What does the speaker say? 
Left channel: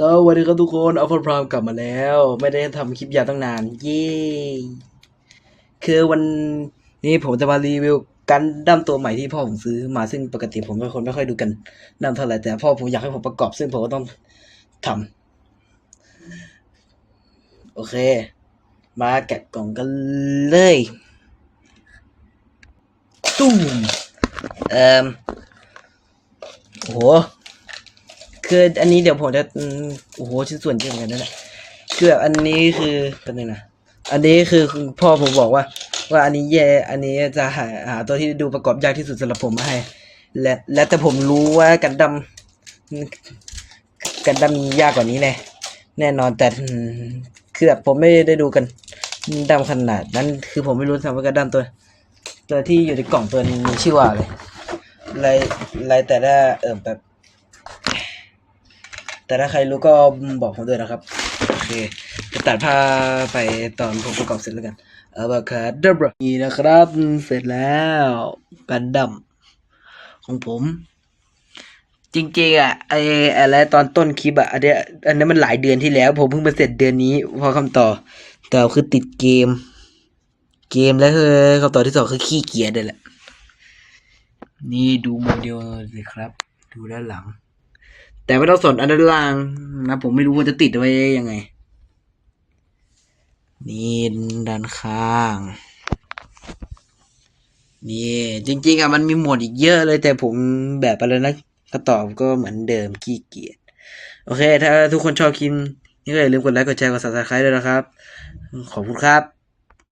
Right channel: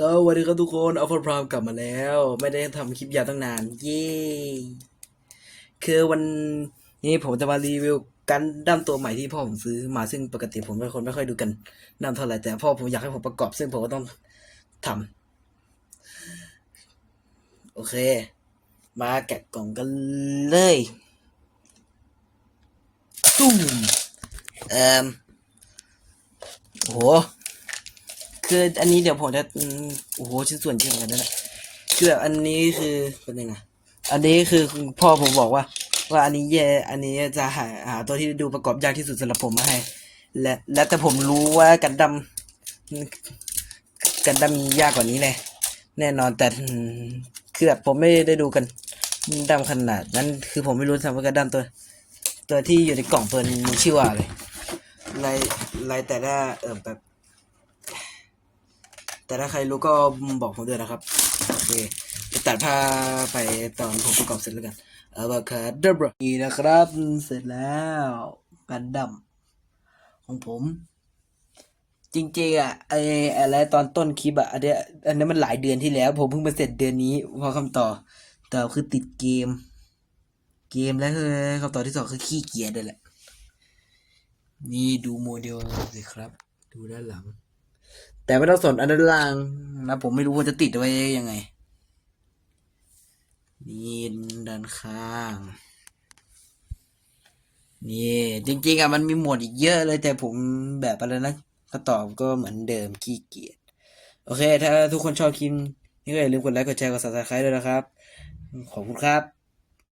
สวัสดีครับทุกคนเอาคนพรามกลับมาแล้ว ไม่ได้ทำคลิปยาวตั้งนาน เย้คือวันนี้ผมจะมารีวิวกันดั้มตัวใหม่ที่พ่อผมซื้อมาซึ่งปกติผมเป็นคนไม่ค่อยดูกันดั้มเท่าไหร่แต่พ่อผมอยากให้ผมประกอบซึ่งผมก็ต้องทำโอเค มาแกะกล่องกันเลยตุ้มเอ่อโห คืออันนี้เดี๋ยวผมจะอืมโอ้โหชิ้นส่วนเยอะเหมือนกันนั่นแหละคืออันนี้คือเป็นยังไงนะอันนี้คือพ่อผมบอกว่า ว่าอันนี้แย่อันนี้จะหาหาตัวที่ดูประกอบยากที่สุดสำหรับผมมาให้ และและแต่ผมรู้ว่ากันดั้มกันดั้มยากกว่านี้แน่แน่นอนแต่อืมคือแบบผมไม่ได้ดูกันดั้มขนาดนั้นคือผมไม่รู้ทำว่ากันดั้มตัว ตัวที่อยู่ในกล่องตัวนี้มีชื่อว่าอะไรอะไรไรแต่ละเออแบบ แต่ถ้าใครรู้ก็บอกผมด้วยนะครับ โอเคจะตัดภาไปตอนผมประกอบเสร็จแล้วกันเอาบาคาดับนี่นะครับ เสร็จแล้วกันดั้มของผม จริงๆอะไออะไรตอนต้นคลิปอะอันเนี้ยอันนั้นมันหลายเดือนที่แล้ว ผมเพิ่งมาเสร็จเดือนนี้พอคำต่อแต่คือติดเกม เกมแล้วคือคำตอบที่สองคือขี้เกียจเลยแหละ นี่ดูโมเดลสิครับ ดูด้านหลัง แต่ไม่ต้องสนอันด้านล่างนะผมไม่รู้ว่าจะติดไว้ยังไง นี่ด้านข้าง นี่จริงๆอะมันมีหมวดอีกเยอะเลยแต่ผมแบบอะไรนะก็ตอบก็เหมือนเดิมขี้เกียจโอเค ถ้าทุกคนชอบคลิปนี้ก็อย่าลืมกดไลค์กดแชร์กด subscribe ด้วยนะครับ ขอบคุณครับ